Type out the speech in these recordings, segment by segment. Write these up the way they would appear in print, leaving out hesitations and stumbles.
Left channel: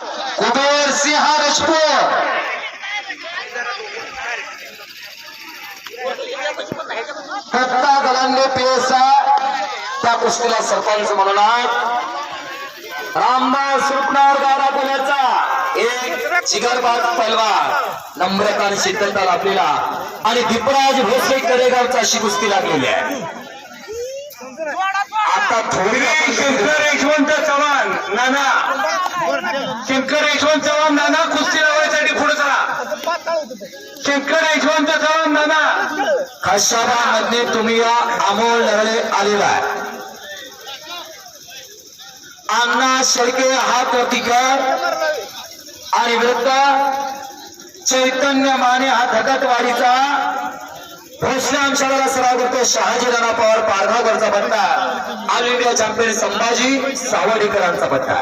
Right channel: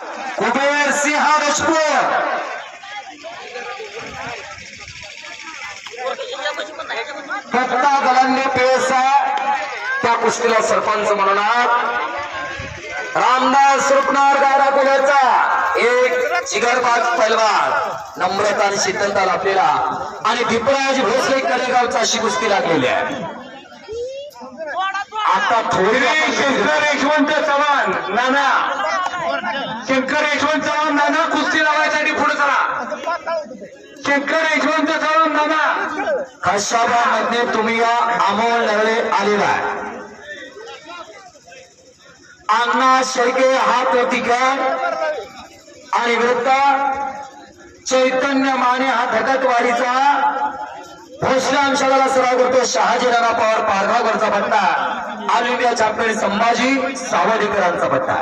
Kuber Singh Rajput फक्ता गलांनी PESA त्या कुस्तीला सरपंच म्हणून रामदास रुपनार गाडा कोल्याचा एक जिगरबाज पहलवान नम्रता आणि शीतलता आपल्याला आणि दीपराज भोसले करेगावचा अशी कुस्ती लागलेली आहे। आता थोडी शंकर यशवंत चव्हाण नाना शंकर यशवंत चव्हाण नाना कुस्ती लावायसाठी पुढे चला। शंकर यशवंत चव्हाण नाना खशाबामध्ये तुम्ही या अमोल नवले आलेला आहे। अण्णा शेळके हात वरती कर आणि विरुद्ध चैतन्य माने हा धकटवाडीचा भोसले अंशाला सराव करतो। शहाजी राणा पवार पारगावकरचा पट्टा ऑल इंडिया चॅम्पियन संभाजी सावडेकरांचा पट्टा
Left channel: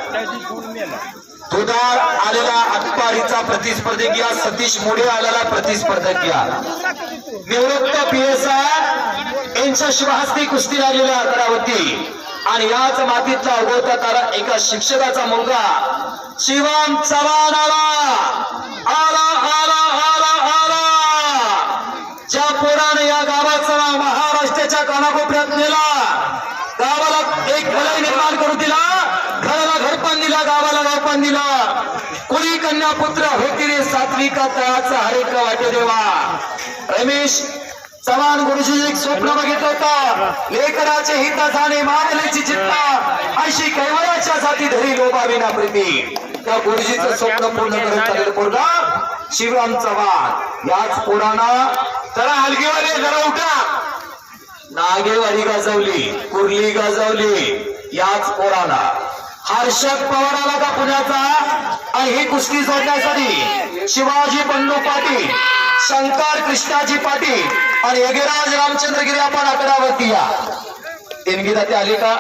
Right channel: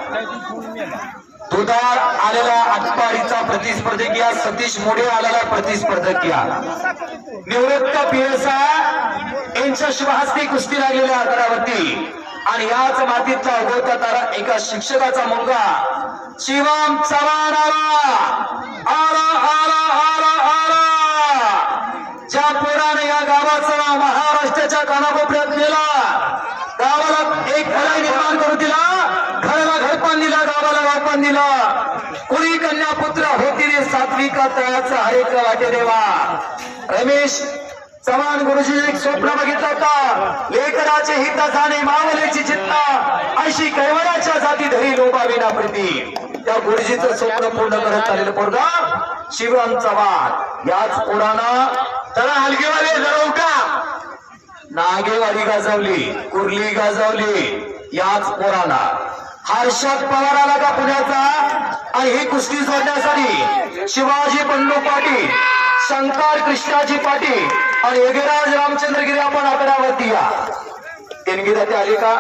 दुधार आलेला अटपाडीचा प्रतिस्पर्धक या सतीश मोडे आलेला प्रतिस्पर्धक या निवृत्त पीएसआय यांच्या शुभहस्ते कुस्ती लागलेल्या आकारावरती आणि याच मातीतला उगवता तारा एका शिक्षकाचा मुलगा शिवम चव्हाण आला ज्या पोराने या गावाचा महाराष्ट्राच्या कानाकोपऱ्यात नेला, गावाला एक घर निर्माण करून दिला, घराला घरपान दिला, गावाला गावपान दिला। कुणी कन्या पुत्र होती रे सात्विका तळाचा हरेक वाटे देवा। रमेश चव्हाण गुरुजी एक स्वप्न बघितलं होतं, लेकराचे हित जाणे मावल्याची चित्ता अशी कैवल्याच्या जाती धरी लोभाविना प्रीती। त्या गुरुजीचं स्वप्न पूर्ण करत आलेलं पोरगा शिवम चव्हाण याच पोराना जरा हलगीवाले जरा उठा। नागेवाडी गाजवली, कुर्ली गाजवली याच पोराला। हर्षद पवार आला का पुण्याचा आणि ही कुस्ती सोडण्यासाठी शिवाजी बंडू पाटील, शंकर कृष्णाजी पाटील आणि योगीराज रामचंद्र गिरे आपण आकड्यावरती या। ते आली का?